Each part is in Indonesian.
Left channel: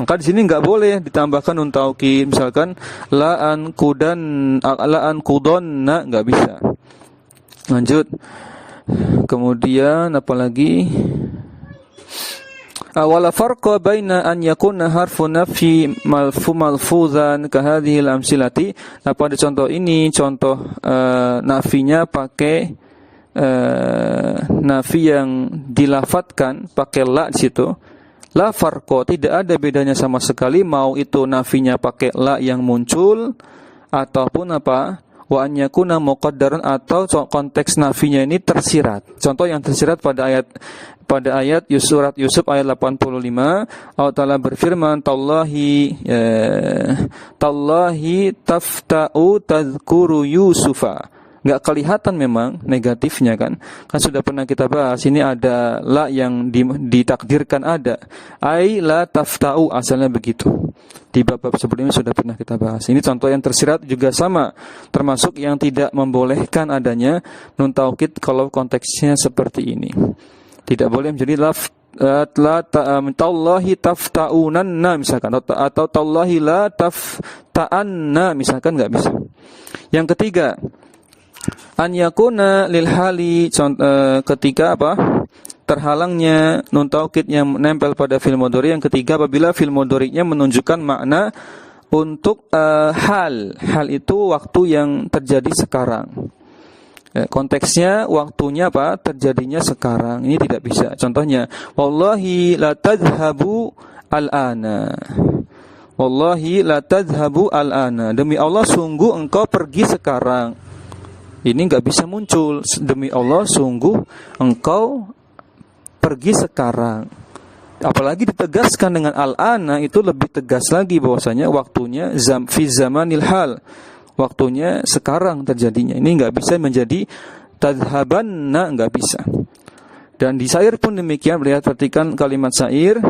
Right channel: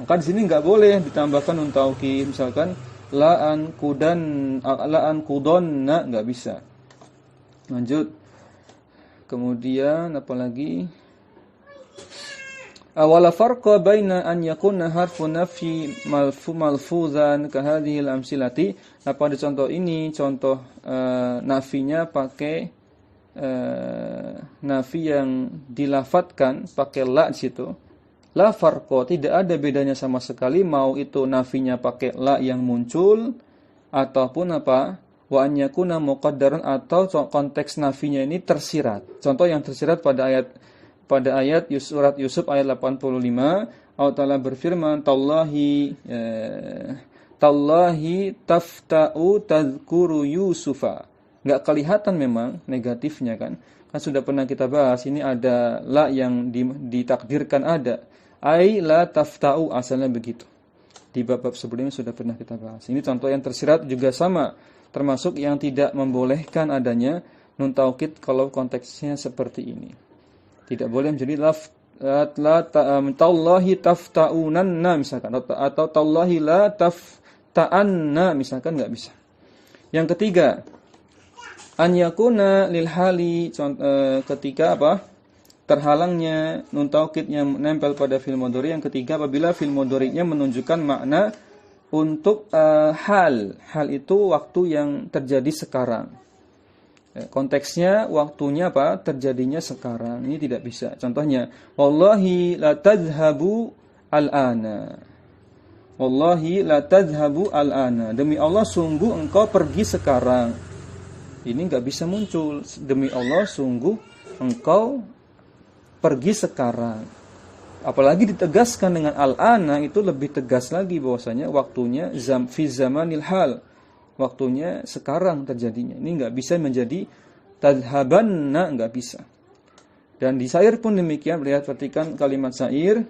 Maka di sini nggak boleh ditambahkan nun taukid, misalkan la'an kudonna, nggak bisa. Lanjut. Kemudian apalagi? Wala farqa baina an yakuna harfu nafi malfuzan ka hadhil amsilati. Pada contoh ini, contoh nafinya pakai nafi yang dilafatkan pakai la di situ. La farqa, tidak ada bedanya sama sekali mau itu nafinya pakai la yang muncul ataupun apa? Wa an yakuna muqaddaran, atau konteks nafinya ini tersirat. Contoh yang tersirat pada ayat surat Yusuf ayat 85, Allah Ta'ala berfirman, Tallahi tafta'u tadhkuru Yusufa. Enggak kelihatan memang negatifnya kan sudah pernah kita bahas. Ini ada la yang ditakdirkan ada. Ai la tafta'u, asalnya begitu. Di bab-bab sebelumnya sudah pernah kita bahas. Ini contoh yang tersirat juga sama, termasuk yang tidak membolehkan adanya nun taukid kalau konteksnya seperti ini. Tidak boleh menjadi tallahi tafta'unanna misalkan, atau tallahi la tafta'anna misalkan, enggak bisa. Yang ketiga, an yakuna lil hali, ketika apa? Terhalangnya nun taukid yang menempel pada fi'il mudhari. Yang ketiga, apabila fi'il mudhari'nya menunjukkan makna untuk hal. Hal itu waktu yang terjadi sekarang. Konteksnya waktunya apa? Terjadinya sekarang. Ini tidak bisa. Contohnya, wallahi la tadhhabu al-ana. Wallahi la tadhhabu al-ana. Demi Allah sungguh engkau pergi sekarang. Ini enggak bisa muncul. Demi Allah sungguh engkau pergi sekarang. Apalagi ditegaskan dengan al-ana, itu lebih tegas lagi bahwasanya waktunya fi zamanil hal. Waktunya sekarang terjadinya. Ini enggak bisa menjadi tadhabanna, enggak bisa. Dan di syair pun demikian. Lihat, perhatikan kalimat syair.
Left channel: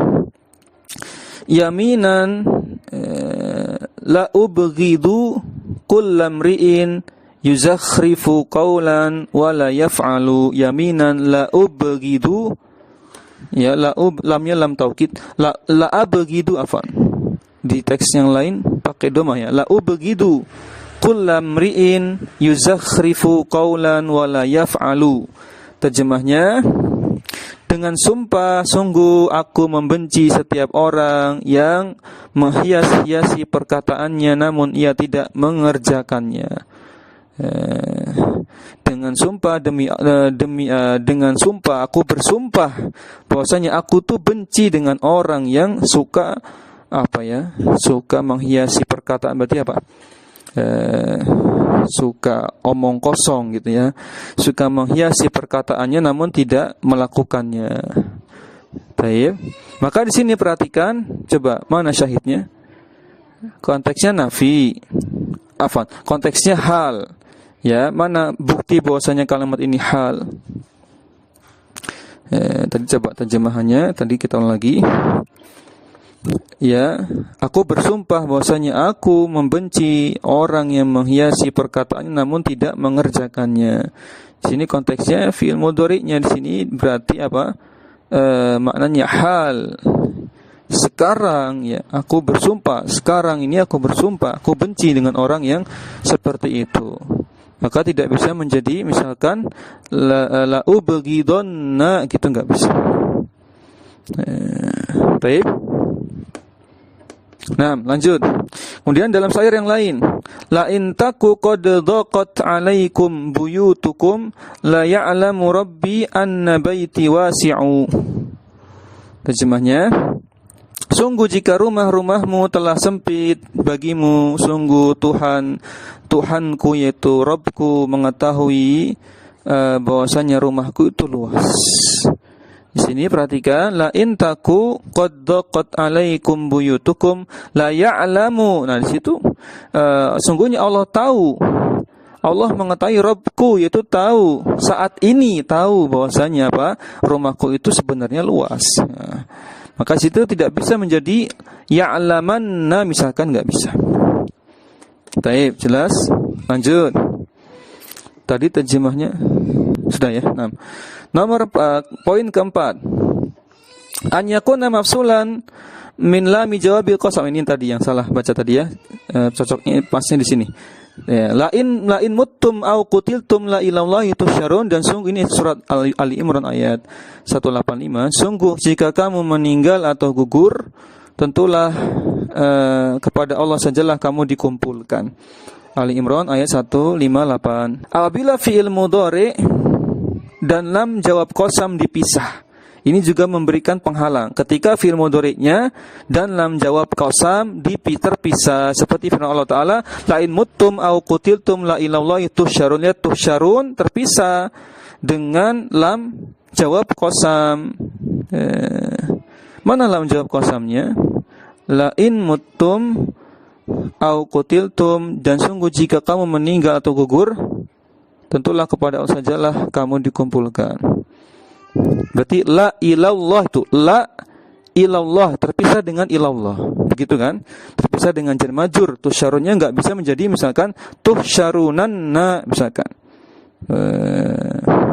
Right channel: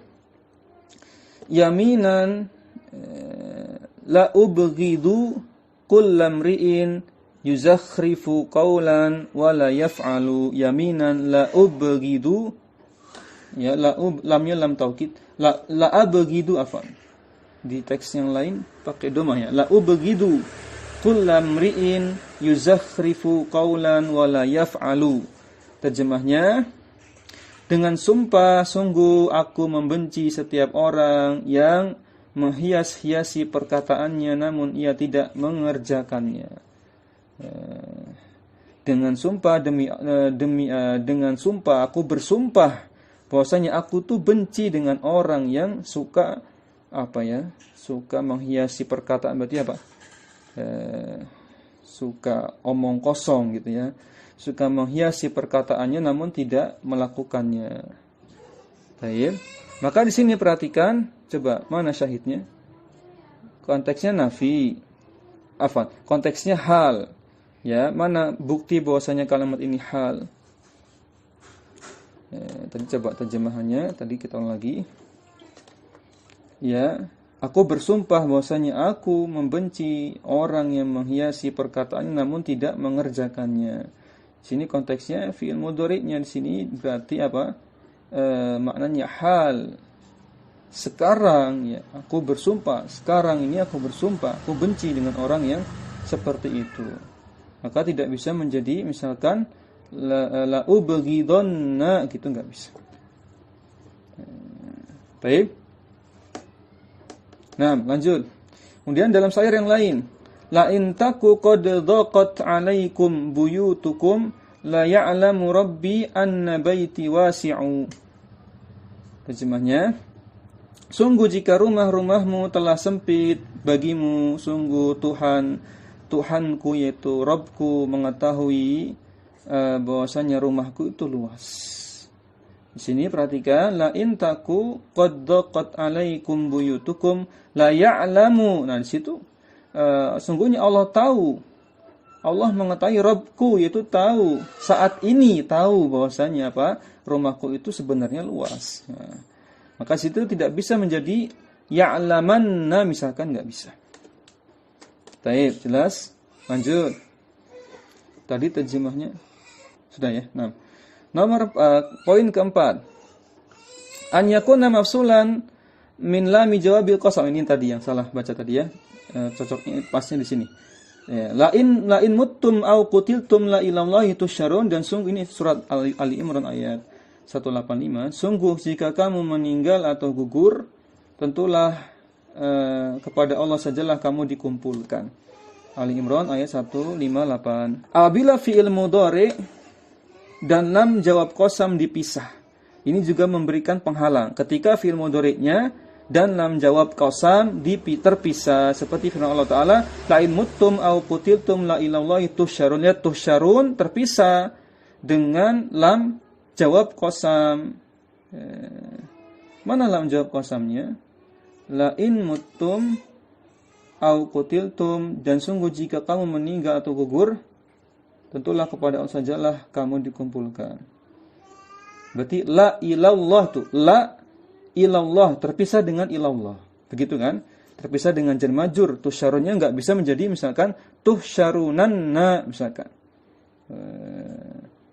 Yaminan la ubghidu kullamri'in yuzakhrifu qawlan wa la yaf'alu. Yaminan la ubghidu, ya lamnya lam taukid, la abghidu, afan. Di teks yang lain pakai dhamma ya. La ubghidu kullamri'in yuzakhrifu qawlan wa la yaf'alu. Terjemahnya, dengan sumpah sungguh aku membenci setiap orang yang menghias-hiasi perkataannya namun ia tidak mengerjakannya. Dengan sumpah dengan sumpah aku bersumpah bahwasanya aku tuh benci dengan orang yang suka suka menghiasi perkataan. Berarti apa? Suka omong kosong gitu ya, suka menghiasi perkataannya namun tidak melakukannya. Baik. Maka di sini perhatikan, coba mana syahidnya? Konteksnya nafi, konteksnya hal. Ya, mana bukti bahwasanya kalimat ini hal? Tadi coba terjemahannya, tadi kita ulang lagi. Ya, aku bersumpah bahwasanya aku membenci orang yang menghiasi perkataannya namun tidak mengerjakannya. Di sini konteksnya fi'il mudhari'nya, di sini berarti apa? Maknanya hal. Sekarang ya, aku bersumpah, sekarang ini aku bersumpah, aku benci dengan orang yang seperti itu. Maka tidak bisa menjadi misalkan la ubghidonna gitu, enggak bisa. Baik. Nah, lanjut. Kemudian dalam syair yang lain, la in taku qad dhaqat 'alaikum buyutukum la ya'lamu rabbi anna baiti wasi'u. Terjemahnya, sungguh jika rumah-rumahmu telah sempit bagimu, sungguh Tuhanku yaitu Rabbku mengetahui bahwasanya rumahku itu luas. Di sini perhatikan, la in taku qad dhaqat 'alaikum buyutukum la ya'lamu. Nah, di situ sungguhnya Allah tahu. Allah mengetahui, Rabbku yaitu tahu, saat ini tahu bahwasanya apa? Rumahku itu sebenarnya luas. Nah, maka situ tidak bisa menjadi ya'lamanna misalkan, enggak bisa. Baik, jelas? Lanjut. Tadi terjemahnya sudah ya. Nah, nomor poin keempat. An yakuna mafsulan min lami jawabil qasam. Ini tadi yang salah baca tadi ya. Cocoknya pasnya di sini. Ya, lain muttum au qutiltum la ilallahi tusyarun. Dan sungguh ini surat Ali Imran ayat 185. Sungguh jika kamu meninggal atau gugur, tentulah kepada Allah sajalah kamu dikumpulkan. Ali Imran ayat 158. Apabila fi'il mudhari dan lam jawab qasam dipisah, ini juga memberikan penghalang. Ketika fi'il mudhari'nya dan lam jawab qasam terpisah, seperti firman Allah Ta'ala, lain muttum au qutiltum la ilallahi tusyarun. Ya, tusyarun terpisah dengan lam jawab qasam. Mana lam jawab qasamnya? Lain muttum au qutiltum, dan sungguh jika kamu meninggal atau gugur, tentulah kepada Allah sajalah kamu dikumpulkan. Berarti la ilallah tuh, la ilallah terpisah dengan ilallah, begitu kan? Terpisah dengan jar majrur. Tusyarunnya enggak bisa menjadi misalkan tuhsyarunanna misalkan.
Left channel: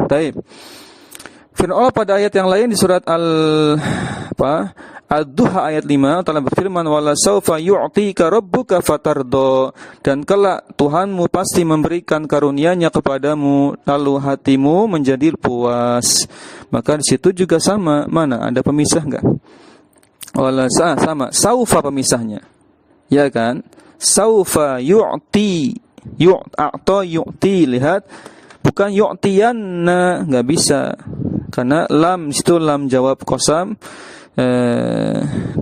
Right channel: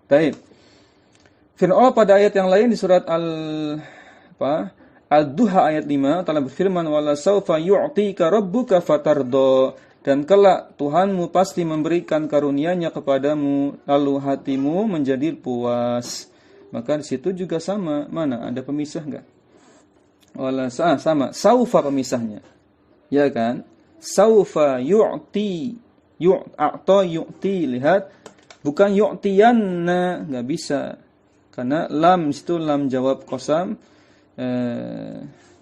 Baik. Firman Allah pada ayat yang lain di surat Al-Duha ayat 5 telah berfirman, wala saufa yu'tika rabbuka fatardo, dan kelak Tuhanmu pasti memberikan karunia-Nya kepadamu lalu hatimu menjadi puas. Maka di situ juga sama, mana ada pemisah enggak? Wala sama, saufa pemisahnya. Ya kan? Saufa yu'ti, yu'ti, lihat, bukan yu'tiyanna, enggak bisa. Karena lam situ lam jawab qasam,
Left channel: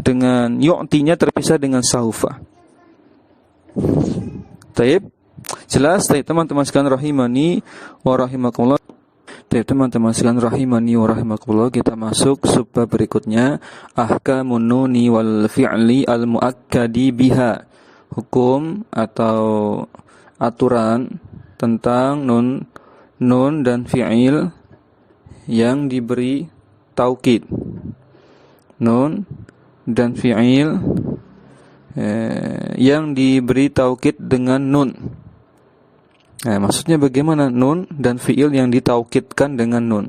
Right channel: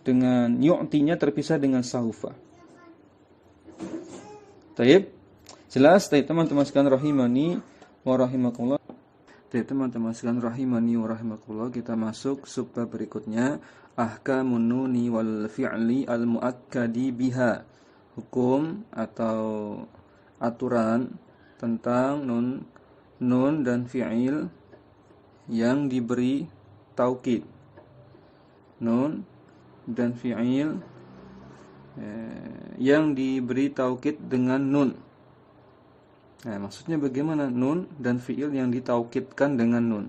dengan yu'tinya terpisah dengan saufa. Taib, jelas? Taib teman-teman sekalian rahimani wa rahimakumullah. Taib teman-teman sekalian rahimani wa rahimakumullah, kita masuk subbab berikutnya, ahkamun nuni wal fi'li al muakkadi biha. Hukum atau aturan tentang nun dan fi'il yang diberi taukid. Nun dan fi'il yang diberi taukid dengan nun. Nah, maksudnya bagaimana nun dan fi'il yang ditaukidkan dengan nun?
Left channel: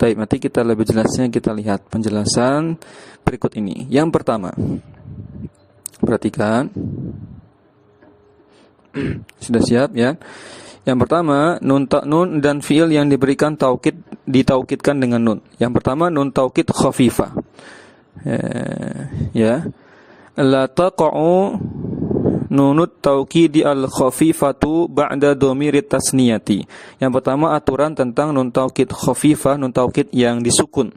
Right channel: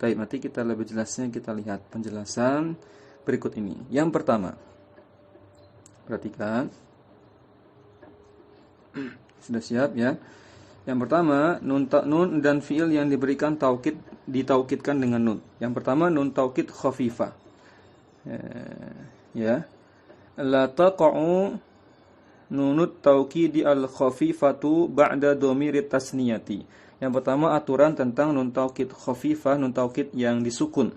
Baik, nanti kita lebih jelasnya kita lihat penjelasan berikut ini. Yang pertama, perhatikan. Sudah siap ya? Yang pertama, nun dan fi'il yang diberikan ditaukidkan dengan nun. Yang pertama, nun taukid khafifah. Ya. La taqa'u nunut taukidi al-khafifatu ba'da dhamirit tasniyati. Yang pertama, aturan tentang nun taukid khafifah, nun taukid yang disukun.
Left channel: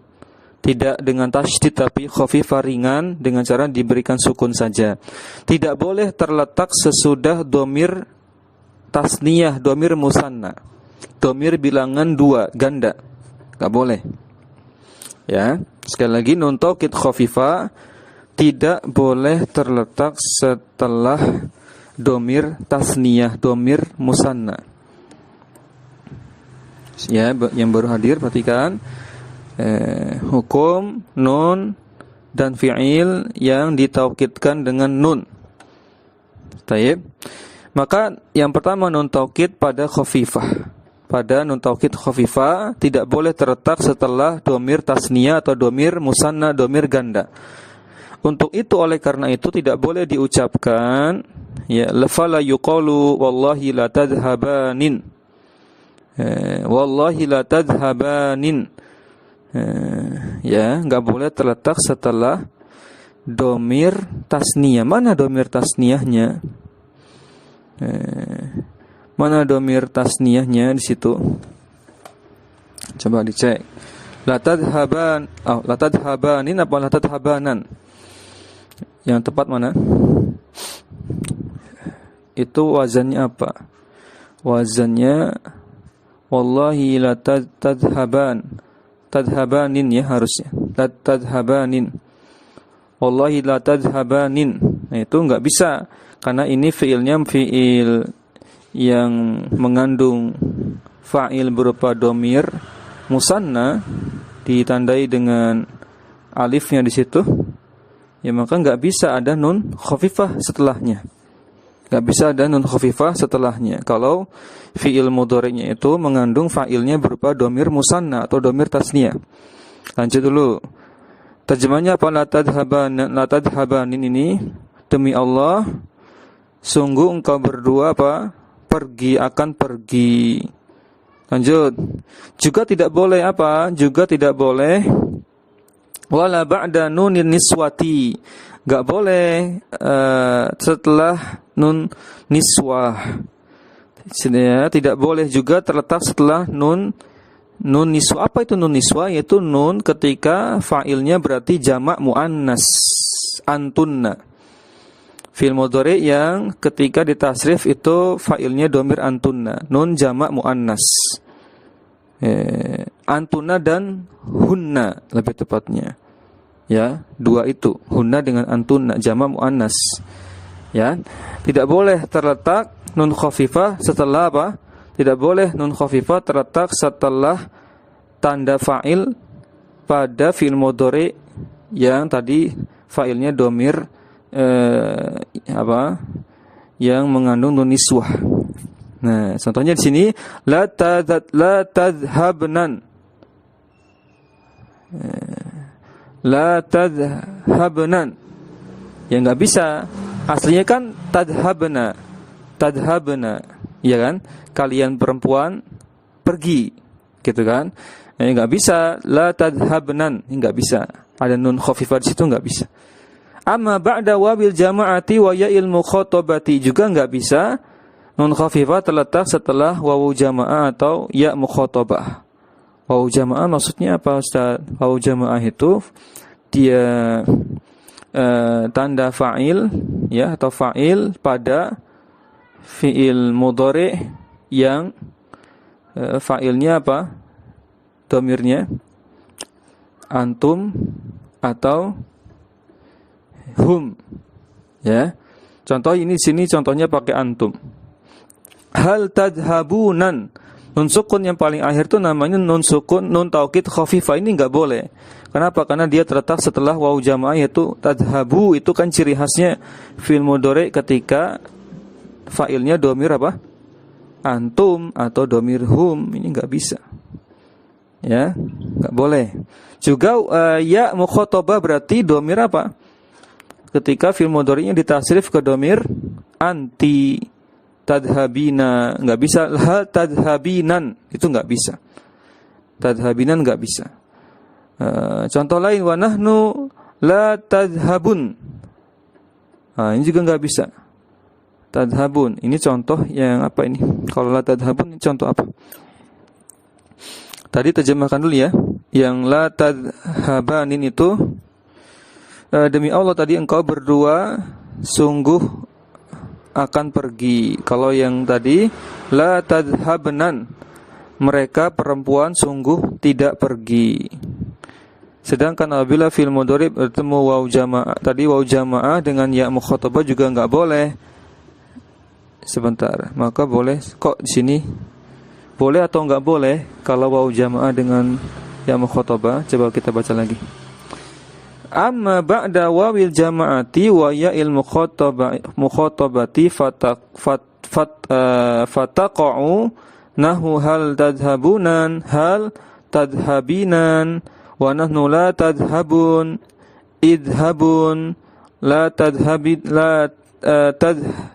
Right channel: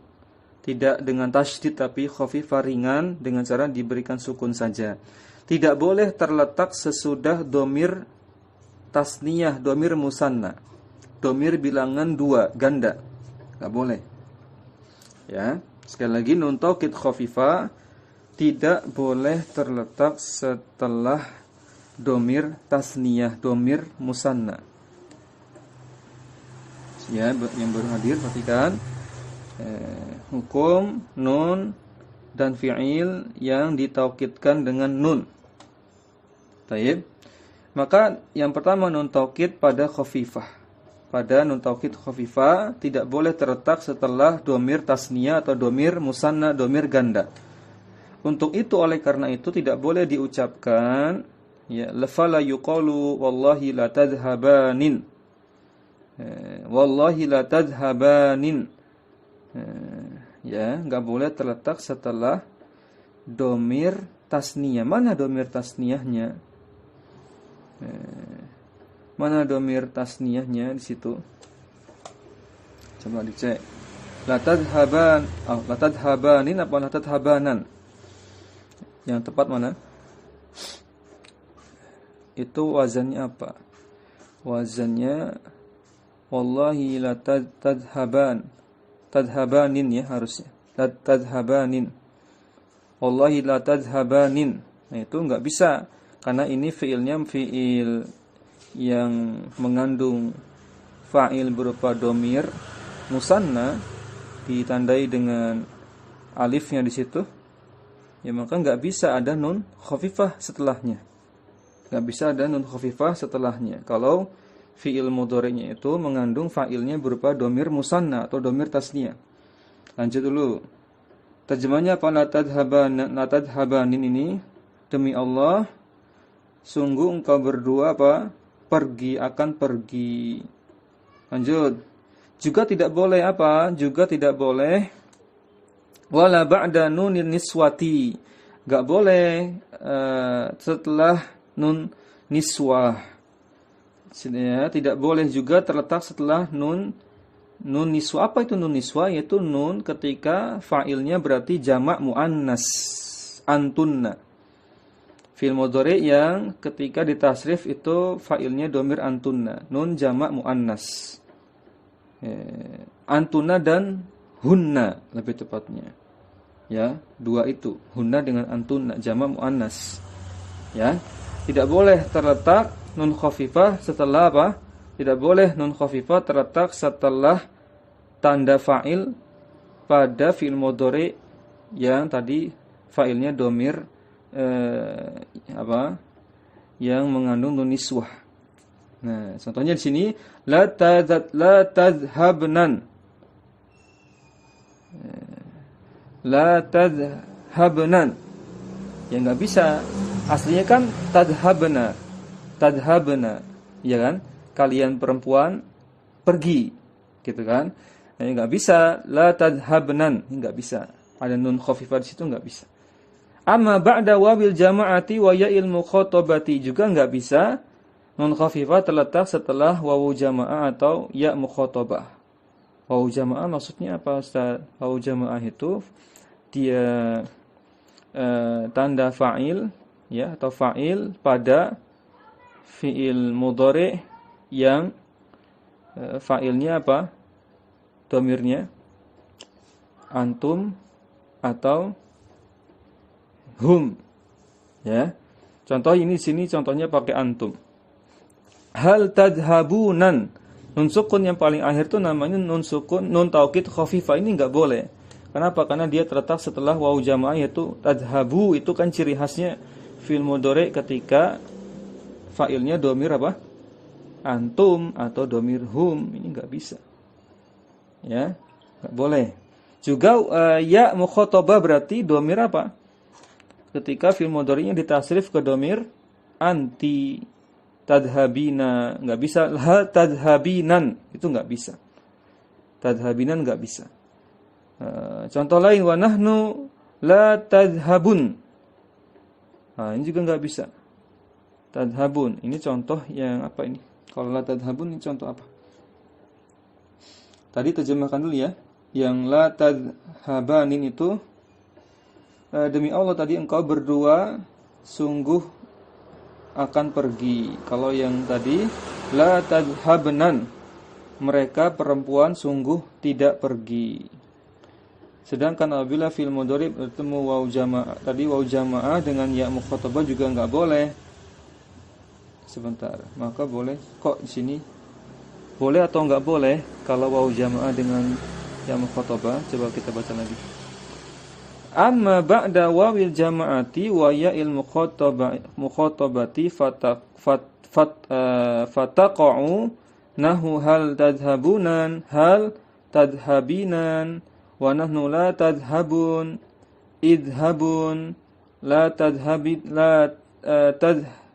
Tidak dengan tasydid tapi khafifah, ringan, dengan cara diberikan sukun saja. Tidak boleh terletak sesudah dhamir tasniyah, dhamir musanna, dhamir bilangan 2 ganda. Enggak boleh. Ya, sekali lagi, nun taukid khafifah tidak boleh terletak setelah dhamir tasniyah, dhamir musanna. Ya, yang baru hadir perhatikan, hukum nun dan fi'il yang ditaukidkan dengan nun. Taib. Maka yang pertama, nun taukid pada khafifah. Pada nun taukid khafifah tidak boleh terletak setelah dhamir tasniyah atau dhamir musanna, dhamir ganda. Untuk itu, oleh karena itu tidak boleh diucapkan ya lafala yuqalu wallahi la tadhhabanin. Wallahi la tadhhabanin. Ya, enggak boleh terletak setelah dhamir tasniyah. Mana dhamir tasniyahnya? Mana dhamir tasniyahnya di situ? Coba dicek. La tadhhabanin apa la tadhhabanan? Yang tepat mana? Itu wazannya apa? Wazannya wallahi la tadhhabanin ya harusnya. La tadhhabanin. Wallahi la tadhhabanin. Nah, itu enggak bisa karena ini fiilnya fiil yang mengandung fa'il berupa dhamir musanna ditandai dengan alifnya di situ. Ya, maka enggak bisa ada nun khafifah setelahnya. Enggak bisa ada nun khafifah setelahnya kalau fi'il mudhari'nya itu mengandung fa'ilnya berupa dhamir musanna atau dhamir tasniyah. Lanjut dulu. Terjemahnya apa? La tadhabanin ini, demi Allah, sungguh engkau berdua apa? Akan pergi. Lanjut. Juga tidak boleh apa? Juga tidak boleh wala ba'da nunin niswati. Enggak boleh setelah nun niswah. Ya, tidak boleh juga terletak setelah nun niswa. Apa itu nun niswa? Yaitu nun ketika fa'ilnya berarti jamak muannas, antunna. Fi'il mudhari yang ketika ditasrif itu fa'ilnya domir antunna, nun jamak muannas. Antunna dan hunna lebih tepatnya. Ya, dua itu, hunna dengan antunna jamak muannas. Ya, tidak boleh terletak nun khafifah setelah apa? Tidak boleh nun khafifah terletak setelah tanda fa'il pada fi'il mudhari yang tadi fa'ilnya domir yang mengandung nun niswah. Nah, contohnya di sini la tadhhabnan. La tadhhabnan. Ya enggak bisa. Aslinya kan tadhhabna. Ya kan? Kalian perempuan pergi. Gitu kan? Ya enggak bisa la tadhhabnan, enggak bisa. Ada nun khafifah di situ enggak bisa. Amma ba'da wabil jama'ati wa ya'il mukhatabati, juga enggak bisa nun khafifah terletak setelah wawu jamaah atau ya mukhatabah. Wawu jamaah maksudnya apa, Ustaz? Wawu jamaah itu dia tanda fa'il ya, atau fa'il pada fi'il mudhari yang fa'ilnya apa? Domirnya antum atau hum. Ya. Contoh ini sini contohnya pakai antum. Hal tadhabunan. Nun sukun yang paling akhir itu namanya nun sukun, nun taukid khafifah. Ini enggak boleh. Kenapa? Karena dia terletak setelah wawu jamaah, yaitu tadhabu. Itu kan ciri khasnya fi'il mudhari ketika fa'ilnya domir apa? Antum atau domir hum. Ini enggak bisa. Ya, enggak boleh. Juga ya mukhatabah berarti domir apa? Ketika fi'il mudhari'nya ditasrif ke domir anti. Tadhabina, enggak bisa. La tadhabinan, itu enggak bisa. Tadhabinan enggak bisa. Contoh lain, wa nahnu la tadhabun. Ini juga enggak bisa. Tadhabun, ini contoh yang apa ini? Kalau la tadhabun, ini contoh apa? Tadi terjemahkan dulu ya. Yang la tadhabanin itu, demi Allah tadi engkau berdua sungguh akan pergi. Kalau yang tadi la tadhabnan, mereka perempuan sungguh tidak pergi. Sedangkan apabila fi'il mudhari bertemu wawu jamaah, tadi wawu jamaah dengan ya mukhatabah juga enggak boleh. Sebentar, maka boleh kok di sini? Boleh atau enggak boleh kalau wawu jamaah dengan ya mukhatabah? Coba kita baca lagi. Amma ba'da wawil jama'ati wa ya'il mukhatabati fataqa'u nahu hal tadhabunan hal tadhabinan wa nahnu la tadhabun idhabun la tadhabid la tadhiban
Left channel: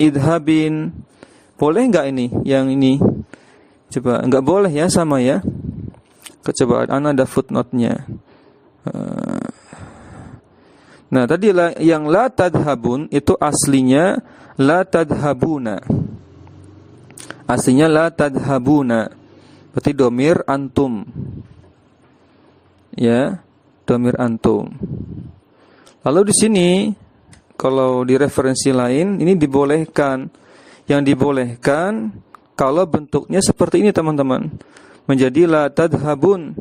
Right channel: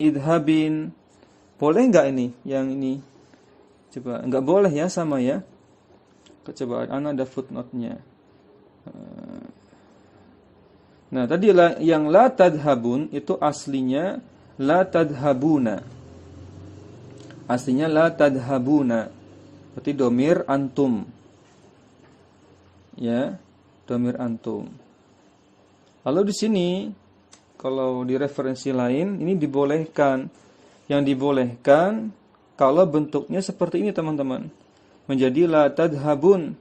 idhabin. Boleh enggak ini? Yang ini coba, enggak boleh ya, sama ya. Coba ana ada footnote-nya. Nah, tadi yang la tadhabun itu aslinya la tadhabuna. Aslinya la tadhabuna. Berarti domir antum. Ya, domir antum. Lalu di sini kalau di referensi lain ini dibolehkan. Yang dibolehkan kalau bentuknya seperti ini, teman-teman. Menjadi la tadhabun.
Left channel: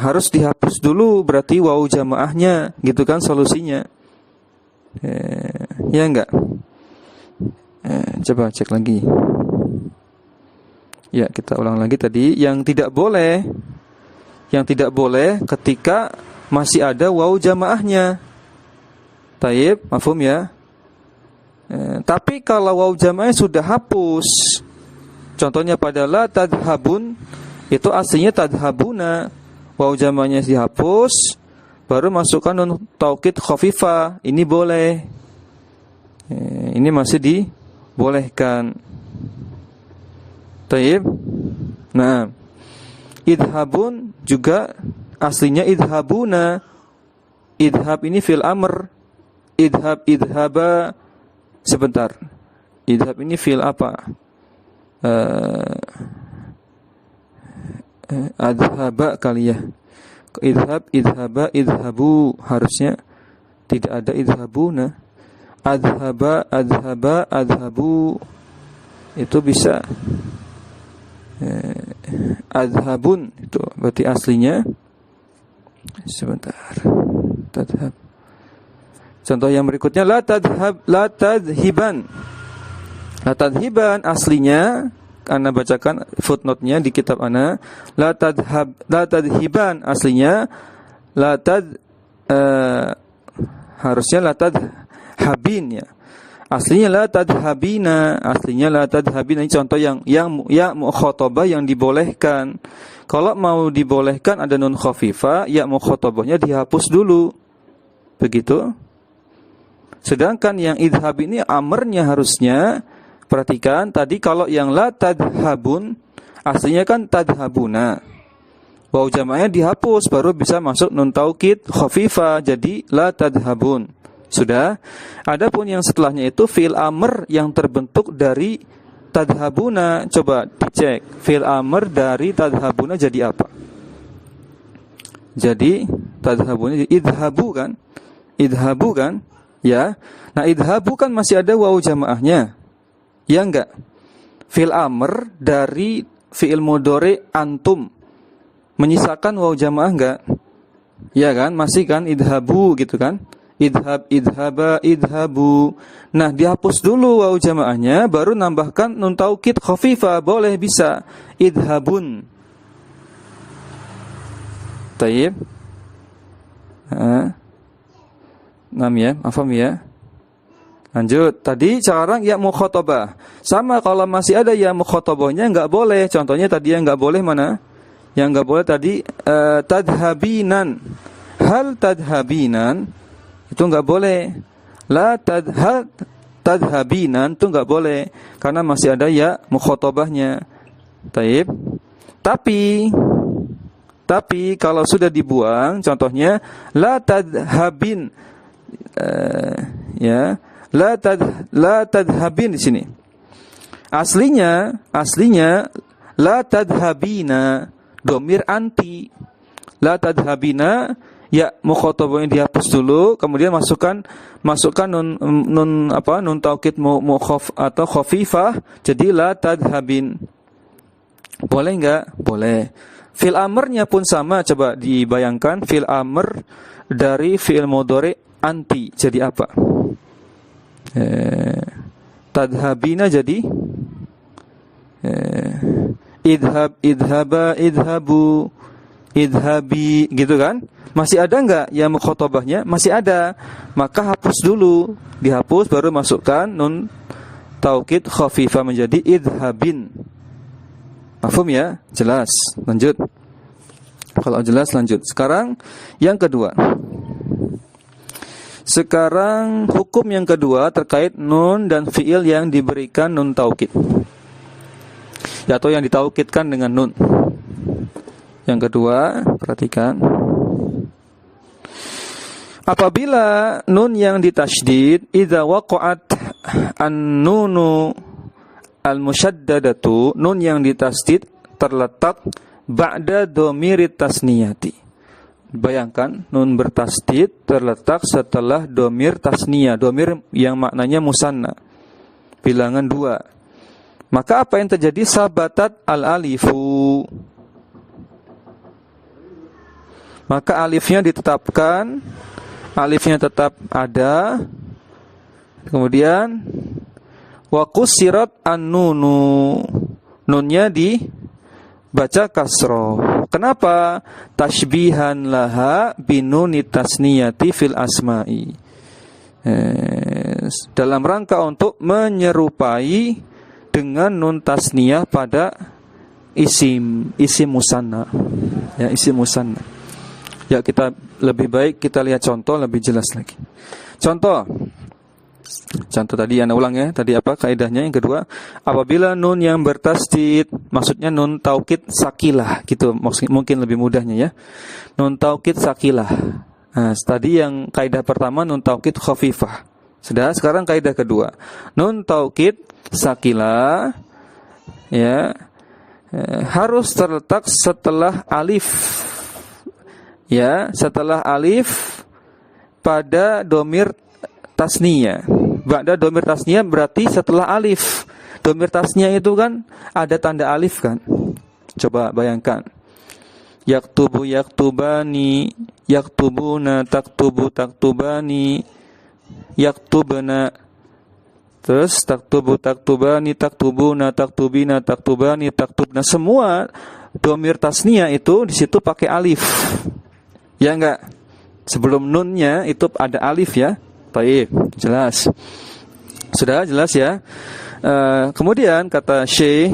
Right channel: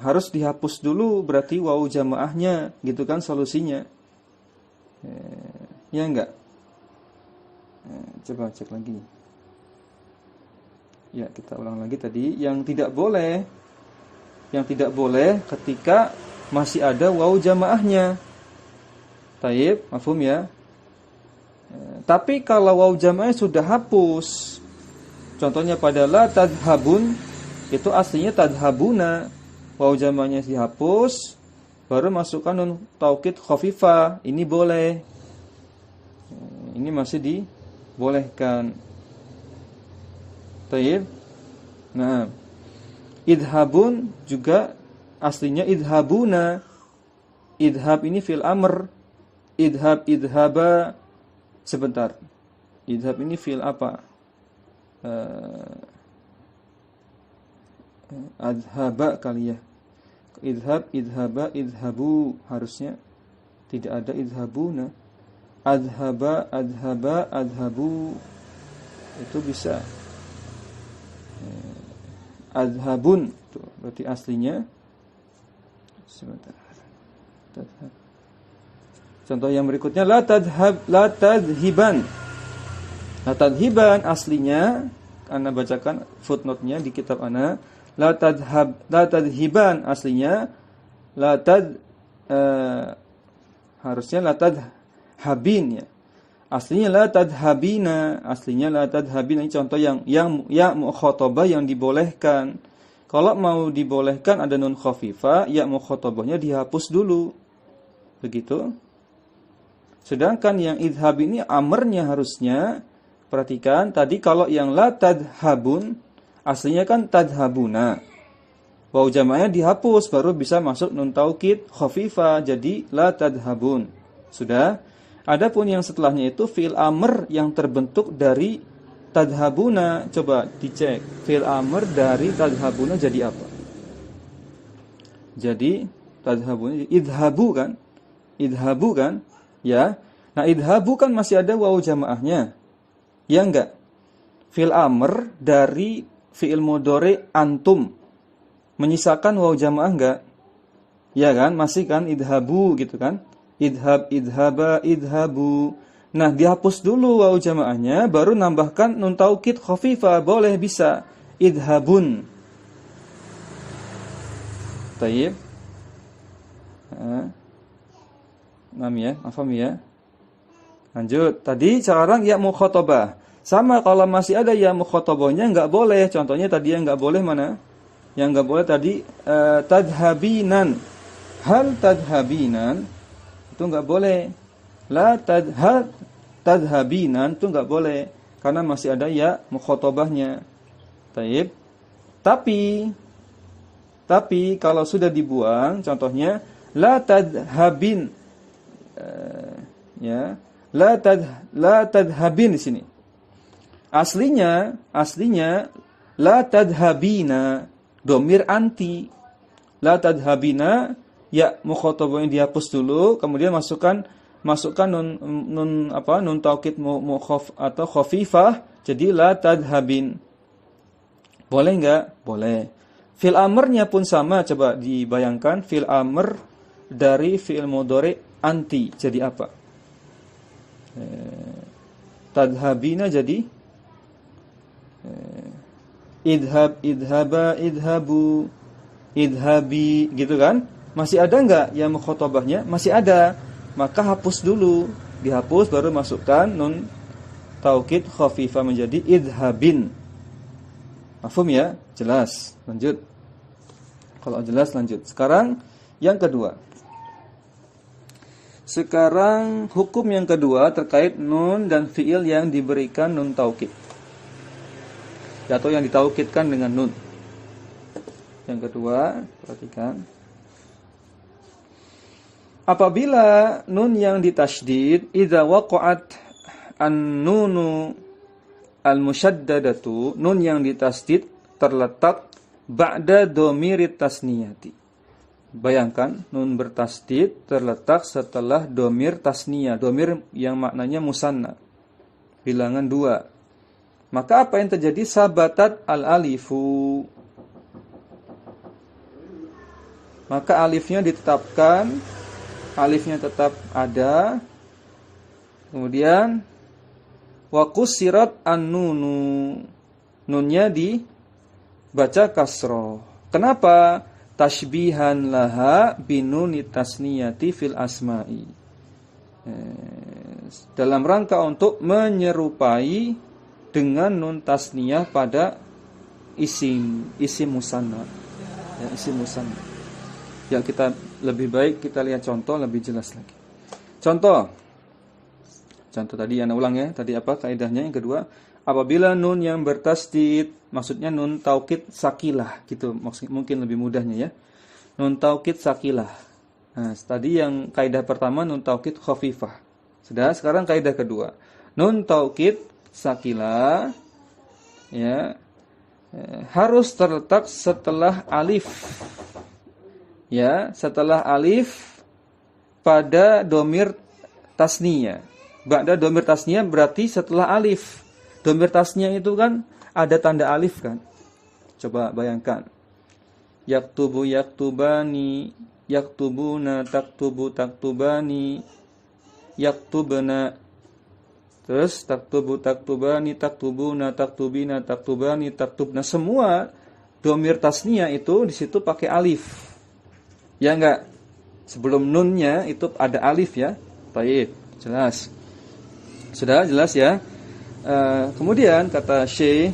Harus dihapus dulu berarti wawu jamaahnya, gitu kan solusinya. Ya enggak? Coba cek lagi. Ya, kita ulang lagi tadi. Yang tidak boleh ketika masih ada wawu jamaahnya. Taib, mafhum ya? Tapi kalau wawu jamaahnya sudah hapus, contohnya pada la tadhabun, itu aslinya tadhabuna. waw jamaknya dihapus, baru masukkan nun taukid khafifah. Ini boleh. Ini masih dibolehkan. Taib. Nah, idhabun juga aslinya idhabuna. Idhab ini fil amr. Idhab, idhaba. Sebentar. Idhab ini fil apa? Adhaba kali ya. Idhab, idhaba, idhabu. Harusnya tidak ada idhabuna. Adhaba, adhaba, adhabu. Itu bisa. Adhabun itu berarti aslinya. Sebentar. Tadhab. Contoh yang berikutnya la tadhab, la tadhiban. La tadhiban aslinya, Ana bacakan footnote-nya di kitab Ana, la tadhiban aslinya harusnya la tadhabin ya. Aslinya la tadhabina, aslinya la tadhabina. Ini contoh yang mukhatabah yang dibolehkan. Kalau mau dibolehkan ada nun khafifah, ya mukhatabahnya dihapus dulu. Begitu. Sedangkan yang idhab ini amarnya harusnya, perhatikan tadi kalau yang la tadhabun aslinya kan tadhabuna. Waw jamaknya dihapus baru bisa masuk nun taukid khafifah jadi la tadhabun. Sudah. Adapun yang setelahnya itu fi'il amr yang terbentuk dari tadhabuna. Coba dicek. Fi'il amr dari tadhabuna jadi apa? Jadi tadhabuna jadi idhabu kan? Idhabu kan? Ya. Nah, idhabu kan masih ada waw jamaahnya. Ya enggak? Fi'il amr dari fi'il mudhari antum. Menyisakan waw jamaah enggak? Ya kan? Masih kan idhabu gitu kan? Idhab, idhaba, idhabu. Nah, dihapus dulu waw jamaahnya, baru nambahkan nun taukid khafifah, boleh bisa. Idhabun. Taib. Nam ya, afam ya. Lanjut. Tadi sekarang ya mukhatabah. Sama kalau masih ada ya mukhatabahnya enggak boleh. Contohnya tadi yang enggak boleh mana? Yang enggak boleh tadi tadhabinan. Hal tadhabinan itu enggak boleh. La tadhabinan itu enggak boleh karena masih ada ya mukhatabahnya. Taib. Tapi kalau sudah dibuang, contohnya la tadhabin, ya, la tadhabin di sini. Aslinya la tadhabina, domir anti. La tadhabina, ya mukhatabahnya dihapus dulu, kemudian masukkan nun taukid mukhaf atau khafifah, jadi la tadhabin. Boleh enggak? Boleh. Fi'il amrnya pun sama, coba dibayangkan fi'il amr dari fi'il mudhari anti jadi apa? Tadhabina jadi idhab, idhaba, idhabu, idhabi, gitu kan? Masih ada enggak yang mukhatabahnya? Masih ada. Maka hapus dulu, dihapus baru masukkan nun taukid khafifah menjadi idhabin. Mafhum ya? Jelas. Lanjut. Kalau jelas lanjut. Sekarang yang kedua. Sekarang hukum yang kedua terkait nun dan fiil yang diberikan nun taukid. Atau yang ditaukidkan dengan nun. Yang kedua, perhatikan. Apabila nun yang ditasydid idza waqa'at an-nunu al-musyaddadatu, nun yang ditasydid terletak ba'da dhamirit tasniyati. Bayangkan nun bertasydid terletak setelah dhamir tasniyah, dhamir yang maknanya musanna, bilangan 2. Maka apa yang terjadi? Sabatat al-alifu. Maka alifnya ditetapkan, alifnya tetap ada. Kemudian wa qusirat an-nunu, nunnya dibaca kasroh. Kenapa? Tashbihan laha binunit tasniyati fil asma'i. Dalam rangka untuk menyerupai dengan nun tasniyah pada isim musanna. Ya, isim musanna. Ya, kita lebih baik kita lihat contoh lebih jelas lagi. Contoh tadi Anda ulang ya. Tadi apa kaidahnya? Yang kedua, apabila nun yang bertasdid, maksudnya nun taukid sakilah gitu, mungkin lebih mudahnya ya. Nun taukid sakilah. Nah, tadi yang kaidah pertama nun taukid khafifah. Sudah, sekarang kaidah kedua. Nun taukid sakilah ya harus terletak setelah alif. Ya, setelah alif pada domir tasniyah. Ba'da domir tasniyah berarti setelah alif. Domir tasniyah itu kan ada tanda alif kan. Coba bayangkan. Yaktubu yaktubani, yaktubuna taktubu taktubani, yaktubna. Terus taktubu taktubani, taktubuna, taktubina, taktubani, taktubna. Semua domir tasniyah itu di situ pakai alif. Ya enggak? Sebelum nunnya itu ada alif ya. Baik, jelas. Sudah jelas ya. Kemudian kata Syekh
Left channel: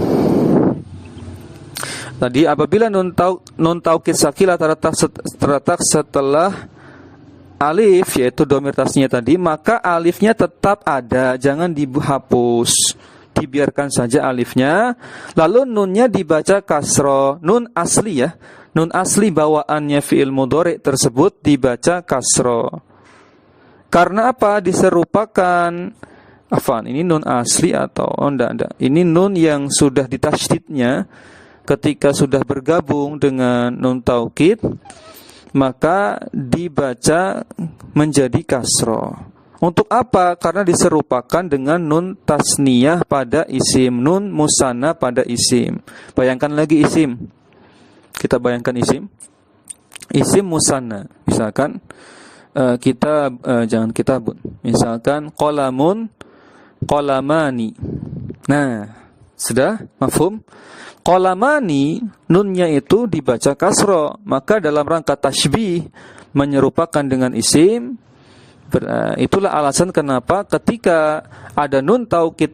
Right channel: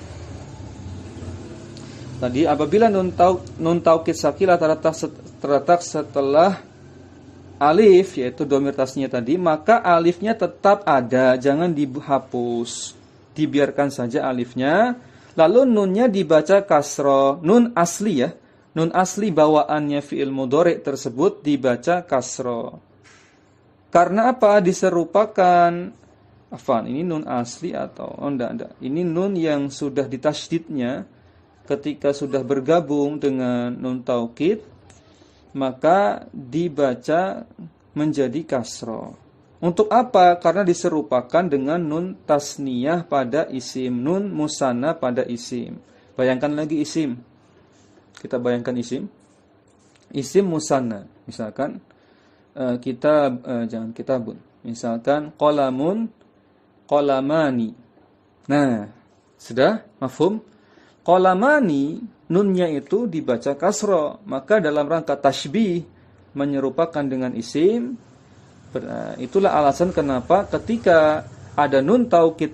tadi apabila nun taukid sakilah terletak setelah alif yaitu domir tasniyah tadi, maka alifnya tetap ada, jangan dihapus. Dibiarkan saja alifnya. Lalu nunnya dibaca kasro. Nun asli ya. Nun asli bawaannya fi'il mudhari tersebut dibaca kasro. Karena apa? Diserupakan. Afwan, ini nun asli atau enggak. Ini nun yang sudah ditasydidnya ketika sudah bergabung dengan nun taukid, maka dibaca menjadi kasro. Untuk apa? Karena diserupakan dengan nun tasniyah pada isim, nun musanna pada isim. Bayangkan lagi isim. Kita bayangkan isim. Isim musanna. Misalkan jangan kitabun. Misalkan qalamun, qalamani. Nah, sudah mafhum? Qalamani nunnya itu dibaca kasro, maka dalam rangka tasybih menyerupakan dengan isim. Itulah alasan kenapa ketika ada nun taukid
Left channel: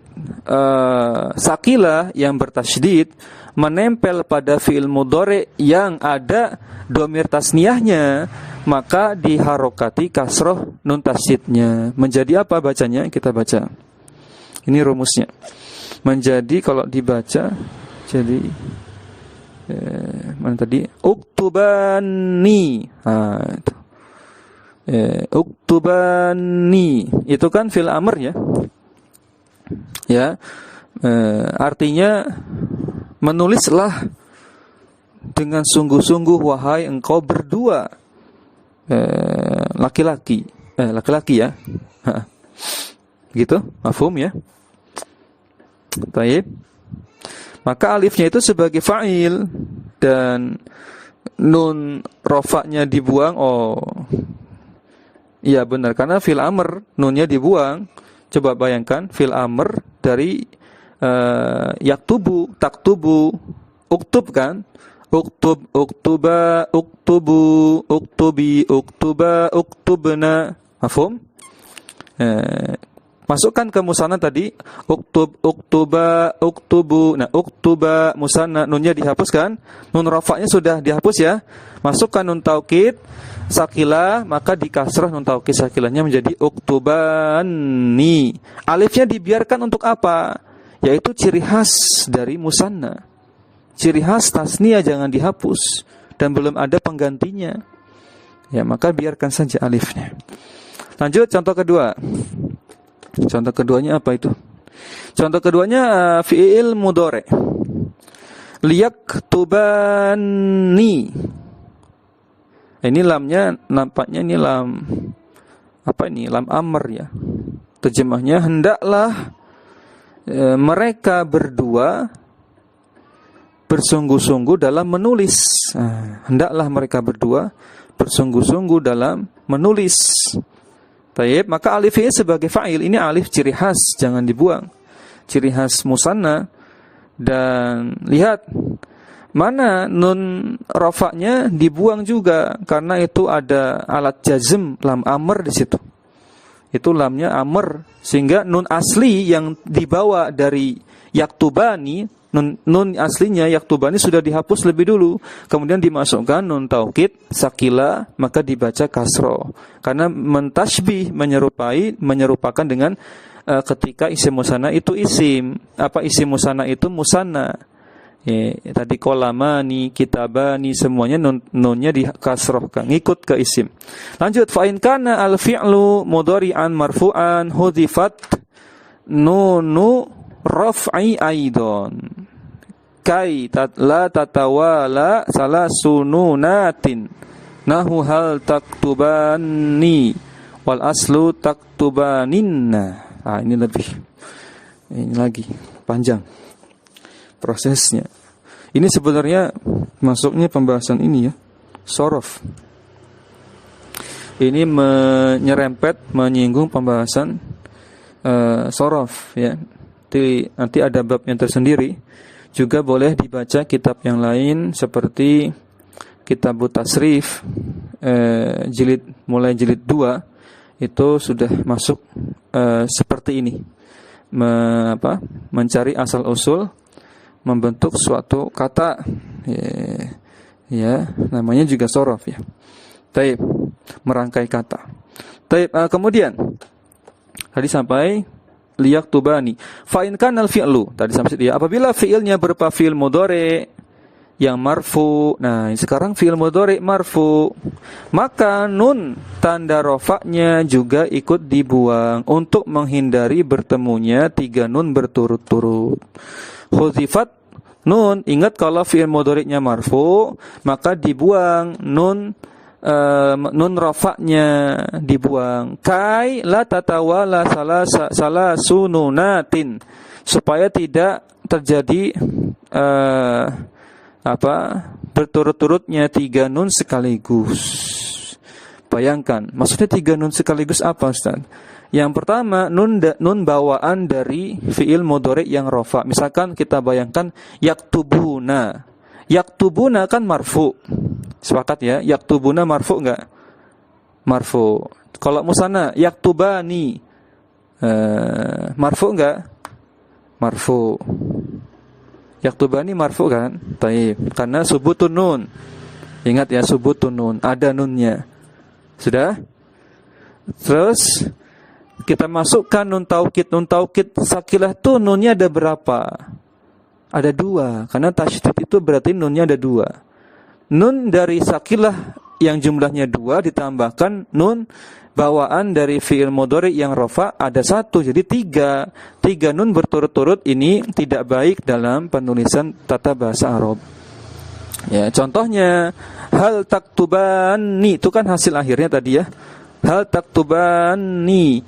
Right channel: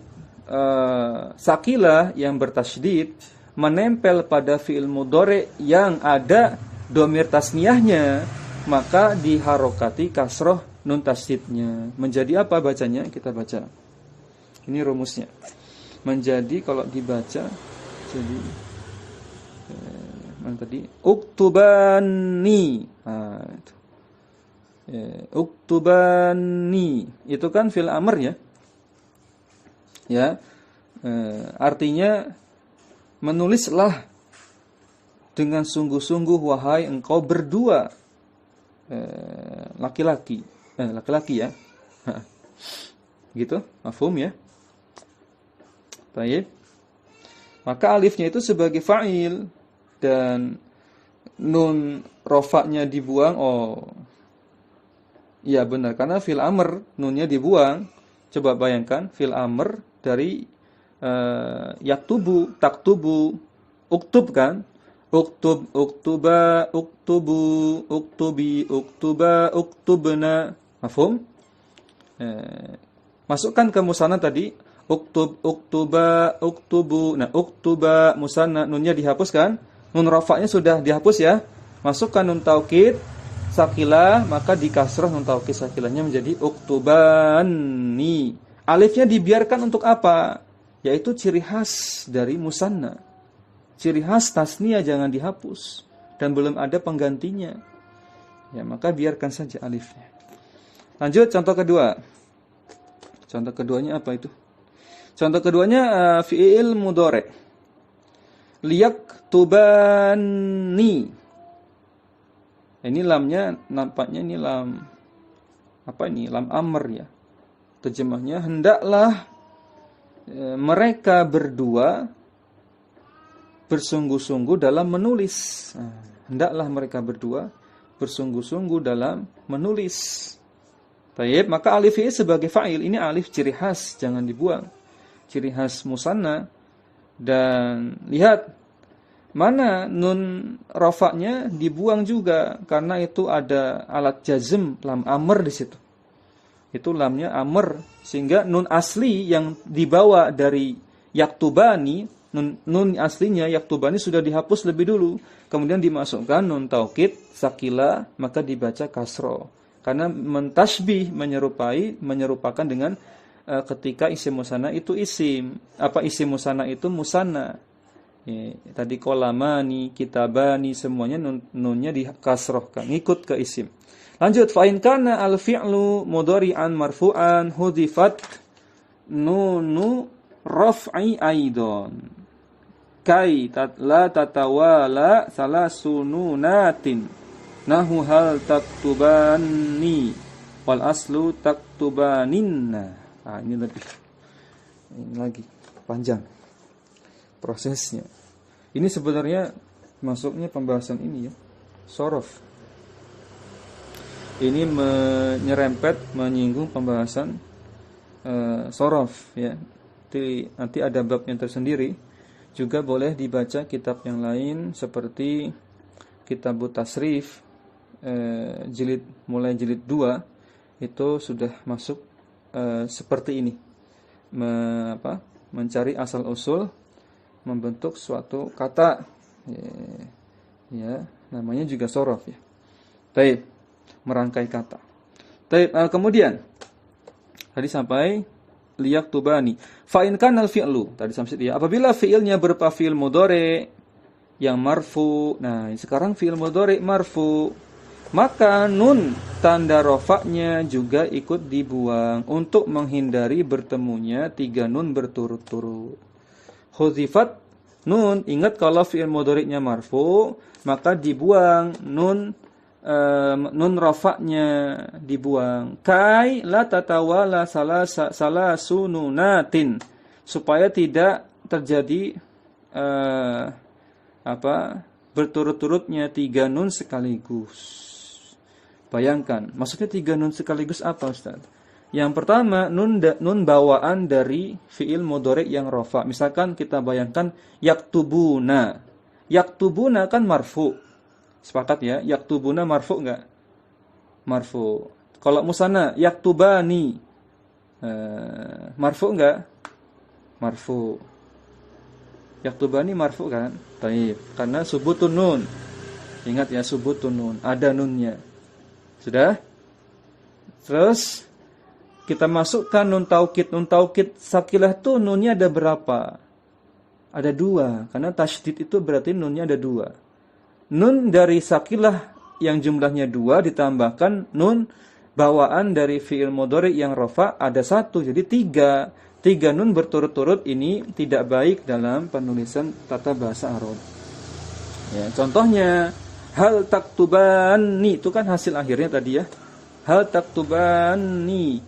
sakilah yang bertasydid menempel pada fi'il mudhari yang ada domir tasniyahnya, maka diharokati kasroh nun tasydidnya. Menjadi apa bacanya? Kita baca. Ini rumusnya. Menjadi kalau dibaca jadi mana tadi? Uktubani. Itu. Uktubani itu kan fi'il amr ya. Ya. Artinya menulislah dengan sungguh-sungguh wahai engkau berdua laki-laki ya. Gitu, mafhum ya. Baik. Maka alifnya itu sebagai fa'il dan nun rofaknya dibuang. Oh, iya benar, karena fil amr nunnya dibuang. Coba bayangkan fil amr dari yaktubu, taktubu, uktub kan? Uktub, uktuba, uktubu, uktubi, uktuba, uktubna. Mafhum? Masukkan ke musanna tadi uktub, uktuba, uktubu. Nah, uktuba musanna nunnya dihapuskan, nun rafa'nya sudah dihapus ya. Masukkan nun taukid sakilah, maka dikasrah nun taukid sakilahnya menjadi uktubani. Alifnya dibiarkan untuk apa? Yaitu ciri khas dari musanna. Ciri khas tasniyah jangan dihapus dan belum ada penggantinya. Ya, maka biarkan saja alifnya. Lanjut contoh kedua. Contoh keduanya apa itu? Contoh keduanya fi'il mudhari. Liyaktubani. Ini lamnya nampaknya ini lam apa ini? Lam amr ya. Terjemahnya hendaklah mereka berdua bersungguh-sungguh dalam menulis. Hendaklah mereka berdua bersungguh-sungguh dalam menulis. Baik, maka alifnya sebagai fa'il, ini alif ciri khas, jangan dibuang. Ciri khas musanna. Dan lihat mana nun rofaknya dibuang juga karena itu ada alat jazm lam amr di situ. Itu lamnya amr, sehingga nun asli yang dibawa dari yaktubani, nun aslinya yaktubani sudah dihapus lebih dulu, kemudian dimasukkan nun taukid sakila, maka dibaca kasro. Karena mentasbih, menyerupakan dengan ketika isim musanna itu isim. Apa isim musanna itu musanna? Tadi kolamani, kitabani, semuanya nunnya dikasrohkan, ngikut ke isim. Lanjut, fa in kana al fi'lu mudhari'an marfu'an hudifat nunu raf'i aidon. Kai la tatawala salasununatin. Nahu hal taktubani wal aslu taktubaninna. Ini lagi panjang prosesnya. Ini sebenarnya masuknya pembahasan ini ya, sorof. Ini menyinggung pembahasan sorof ya. Nanti ada babnya tersendiri. Juga boleh dibaca kitab yang lain seperti Kitab Tasrif mulai jilid 2 itu sudah masuk seperti ini. Mencari asal usul membentuk suatu kata ya namanya juga sorof ya. Taib, merangkai kata. Taib, kemudian tadi sampai liyaktubani. Fa in kana al-fi'lu, tadi sampai ya, apabila fi'ilnya berupa fi'il mudhari yang marfu. Nah, sekarang fi'il mudhari marfu, maka nun tanda rofaknya juga ikut dibuang untuk menghindari bertemunya 3 nun berturut-turut. Hudhifat nun, ingat kalau fi'il mudhari'nya marfu, maka dibuang nun rafa'nya dibuang. Kai la tatawala salasununatin, supaya tidak terjadi berturut-turutnya 3 nun sekaligus. Bayangkan, maksudnya 3 nun sekaligus apa, Ustaz? Yang pertama, nun bawaan dari fi'il mudhari' yang rafa. Misalkan kita bayangkan yaktubuna. Yaktubuna kan marfu. Sepakat ya? Yaktubuna marfu enggak? Marfu. Kalau musanna yaktubani marfu enggak? Marfu. Yaktubani marfu kan? Taib. Karena subutun nun. Ingat ya, subutun nun, ada nunnya. Sudah? Terus kita masukkan nun taukid sakilah tuh nunnya ada berapa? Ada 2. Karena tasydid itu berarti nunnya ada 2. Nun dari sakilah yang jumlahnya 2 ditambahkan nun bawaan dari fi'il mudhari yang rafa ada 1, jadi 3. 3 nun berturut-turut ini tidak baik dalam penulisan tata bahasa Arab. Ya, contohnya hal taktubani, itu kan hasil akhirnya tadi ya. Hal taktubani.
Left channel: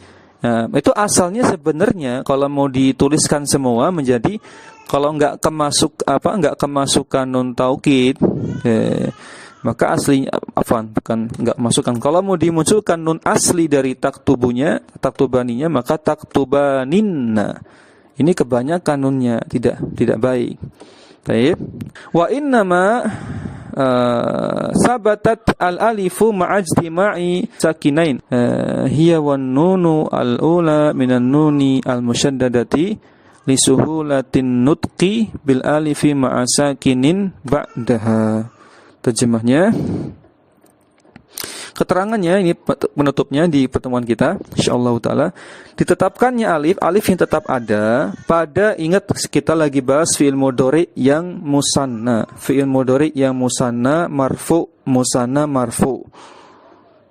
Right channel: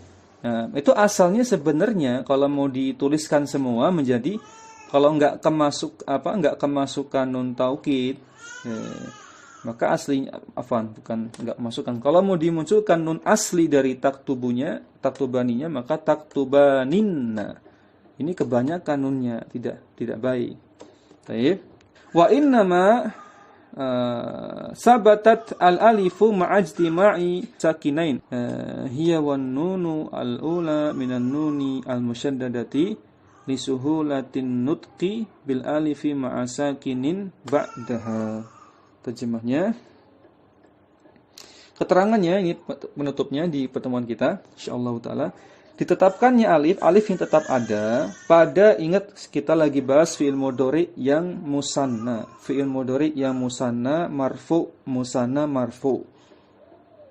Nah, itu asalnya sebenarnya kalau mau dituliskan semua menjadi, kalau enggak kemasukan nun taukid, maka aslinya bukan enggak masukkan. Kalau mau dimunculkan nun asli dari taktubaninya, maka taktubaninna. Ini kebanyakan nunnya tidak baik. Baik. Wa innama sabatat al-alifu ma'ajtima'i sakinain hiya wan nunu al-ula minan nuni al-musyaddadati lisuhulatin nutqi bil alifi ma'a sakinin ba'daha. Terjemahnya, keterangannya ini penutupnya di pertemuan kita insyaallah taala. Ditetapkannya alif yang tetap ada pada, ingat kita lagi bahas fi'il mudhari yang musanna. Fi'il mudhari yang musanna marfu, musanna marfu.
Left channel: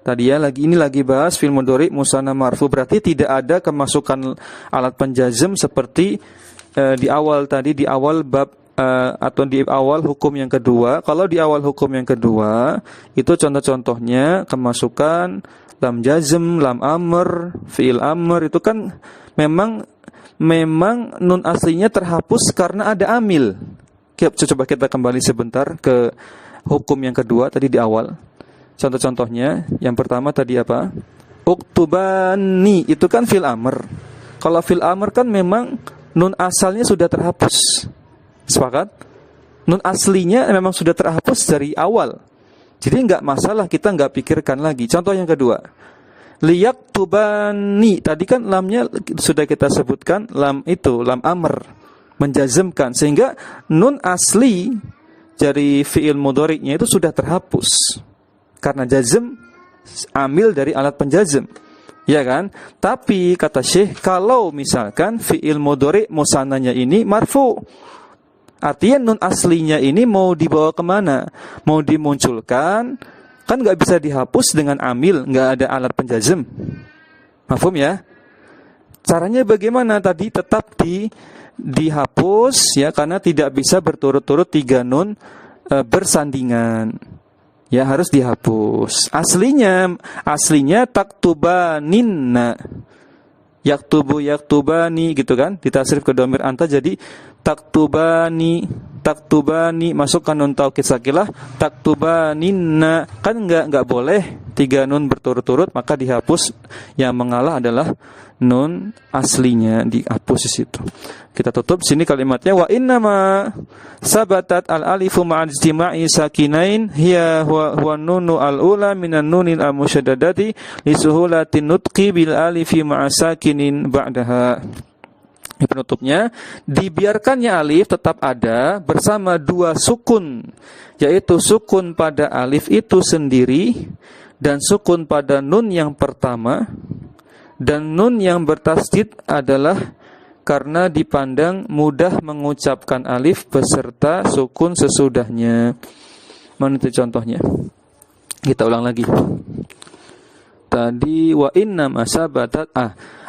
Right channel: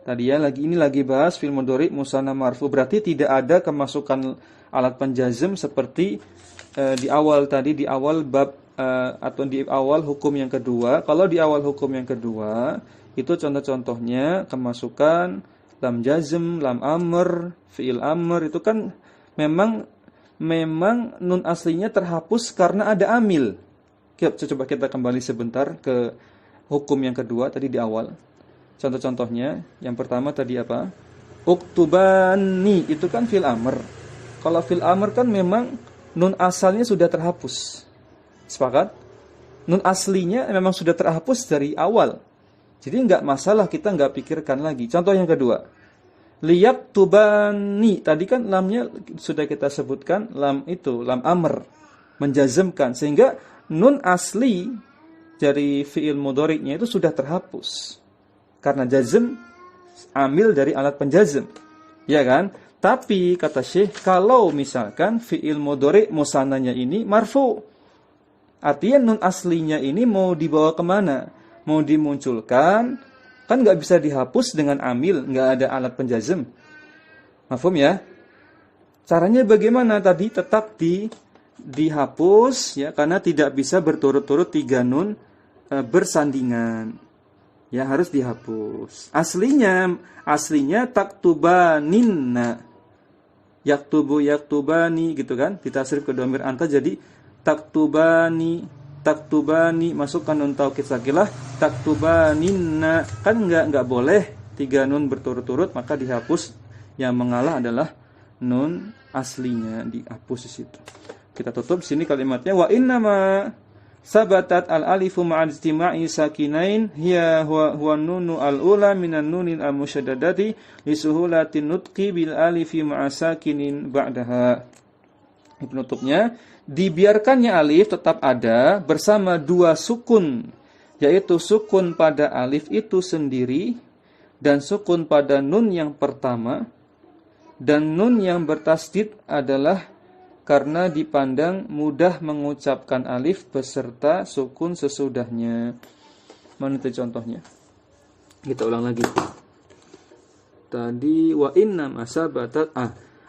Tadi ya, ini lagi bahas fi'il mudhari musanna marfu, berarti tidak ada kemasukan alat penjazm seperti di awal bab atau di awal hukum yang kedua. Kalau di awal hukum yang kedua itu contoh-contohnya kemasukan lam jazm, lam amr, fi'il amr, itu kan memang nun aslinya terhapus karena ada amil. Coba kita kembali sebentar ke hukum yang kedua tadi di awal. Contoh-contohnya, yang pertama tadi apa? Uktubani, itu kan fi'il amr. Kalau fi'il amr kan memang nun asalnya sudah terhapus. Sepakat? Nun aslinya memang sudah terhapus dari awal. Jadi enggak masalah, kita enggak pikirkan lagi. Contoh yang kedua, liyaktubani, tadi kan lamnya sudah kita sebutkan, lam amr. menjazmkan, sehingga nun asli dari fi'il mudhari'nya itu sudah terhapus karena jazm amil dari alat penjazm, ya kan? Tapi kata Syekh, kalau misalkan fi'il mudhari' musananya ini marfu, artinya nun aslinya ini mau dibawa kemana? Mau dimunculkan, kan nggak bisa dihapus dengan amil, nggak ada alat penjazm. Mafhum ya? Caranya bagaimana tadi? Tetap dihapus ya, karena tidak bisa berturut-turut 3 nun bersandingan. Ya, harus dihapus. Aslinya taktubaninna. Yaktubani gitu kan? Ditasrif ke dhamir anta jadi taktubani masukkan nun taukid sakilah taktubaninna. Kan enggak boleh 3 nun berturut-turut, maka dihapus. Yang mengalah adalah nun aslinya, dihapus di situ. Kita tutup sini kalimatnya, wa innama sabatat al-alifu ma'al ijtima'i sakinain hiya huwa nunu al-ula minan nunil al-musyaddadati li suhulatin nutqi bil alifi ma'a sakinin ba'daha. Penutupnya, dibiarkannya alif tetap ada bersama 2 sukun, yaitu sukun pada alif itu sendiri dan sukun pada nun yang pertama, dan nun yang bertasdid adalah karena dipandang mudah mengucapkan alif beserta sukun sesudahnya. Mana itu contohnya? Kita ulang lagi. Tadi wa inna masabatat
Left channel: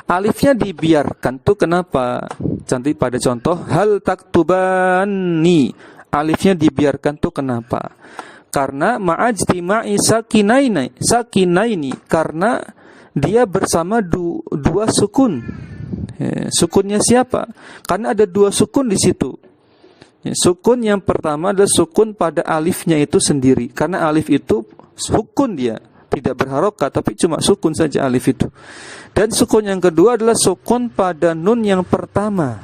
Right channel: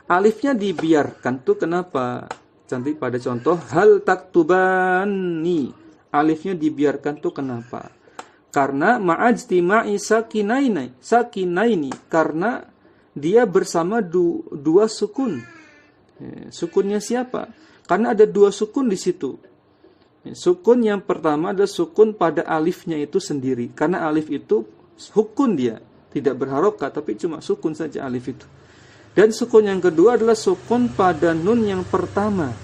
alifnya dibiarkan tuh kenapa? Cantik pada contoh hal taktubani. Alifnya dibiarkan tuh kenapa? Karena ma'ajtima'i sakinaini, karena dia bersama 2 sukun. Sukunnya siapa? Karena ada 2 sukun di situ. Sukun yang pertama adalah sukun pada alifnya itu sendiri, karena alif itu sukun, dia tidak berharokat tapi cuma sukun saja alif itu. Dan sukun yang kedua adalah sukun pada nun yang pertama.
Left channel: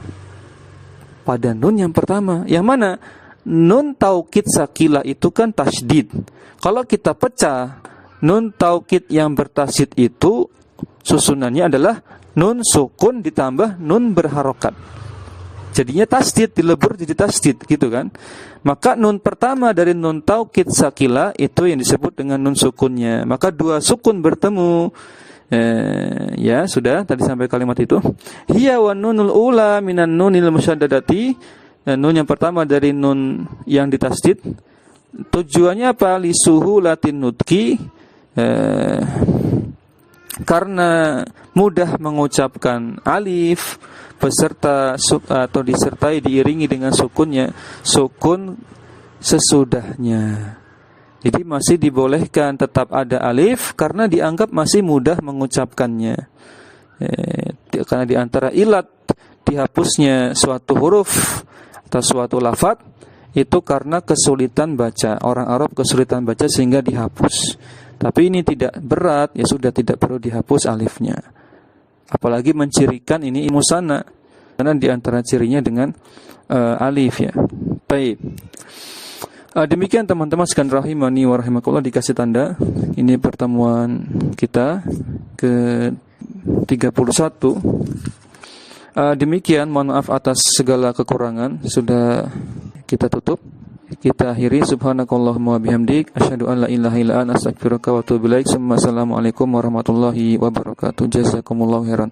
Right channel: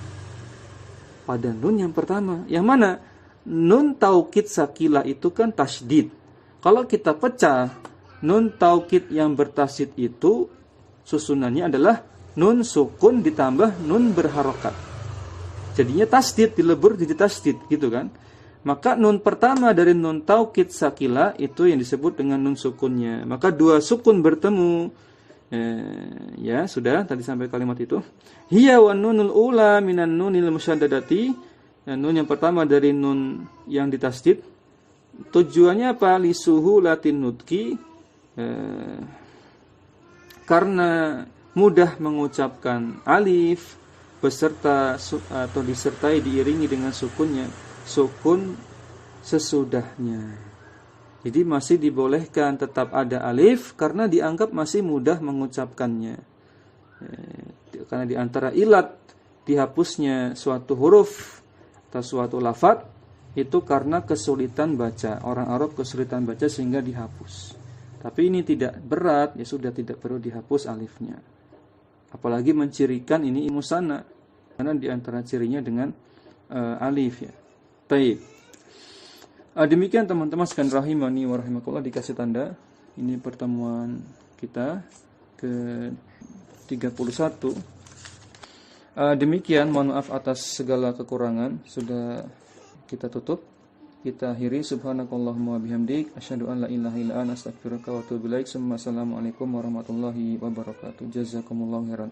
Pada nun yang pertama, yang mana? Nun taukid sakilah itu kan tasydid. Kalau kita pecah, nun taukid yang bertasydid itu susunannya adalah nun sukun ditambah nun berharokat. Jadinya tasdid, dilebur jadi tasdid gitu kan. Maka nun pertama dari nun taukid sakila itu yang disebut dengan nun sukunnya. Maka 2 sukun bertemu. Ya sudah, tadi sampai kalimat itu. Hiya wa nunul ula minan nunil musyaddadati. Nun yang pertama dari nun yang ditasdid. Tujuannya apa? Lisuhu latin nutki. Karena mudah mengucapkan alif beserta atau disertai diiringi dengan sukunnya, sukun sesudahnya. Jadi masih dibolehkan tetap ada alif karena dianggap masih mudah mengucapkannya. Karena di antara ilat dihapusnya suatu huruf atau suatu lafaz itu karena kesulitan baca. Orang Arab kesulitan baca sehingga dihapus. Tapi ini tidak berat, ya sudah tidak perlu dihapus alifnya. Apalagi mencirikan ini musanna, karena diantara cirinya dengan alif ya. Baik. Demikian teman-teman sekalian rahimani wa rahimakumullah, dikasih tanda. Ini pertemuan kita ke 31. Demikian, mohon maaf atas segala kekurangan. Sudah kita tutup. Kita akhiri. Subhanakallahumma bihamdik asyhadu an la ilaha illa anta astaghfiruka wa atubu ilaik. Assalamualaikum warahmatullahi wabarakatuh. Jazakumullahu khairan.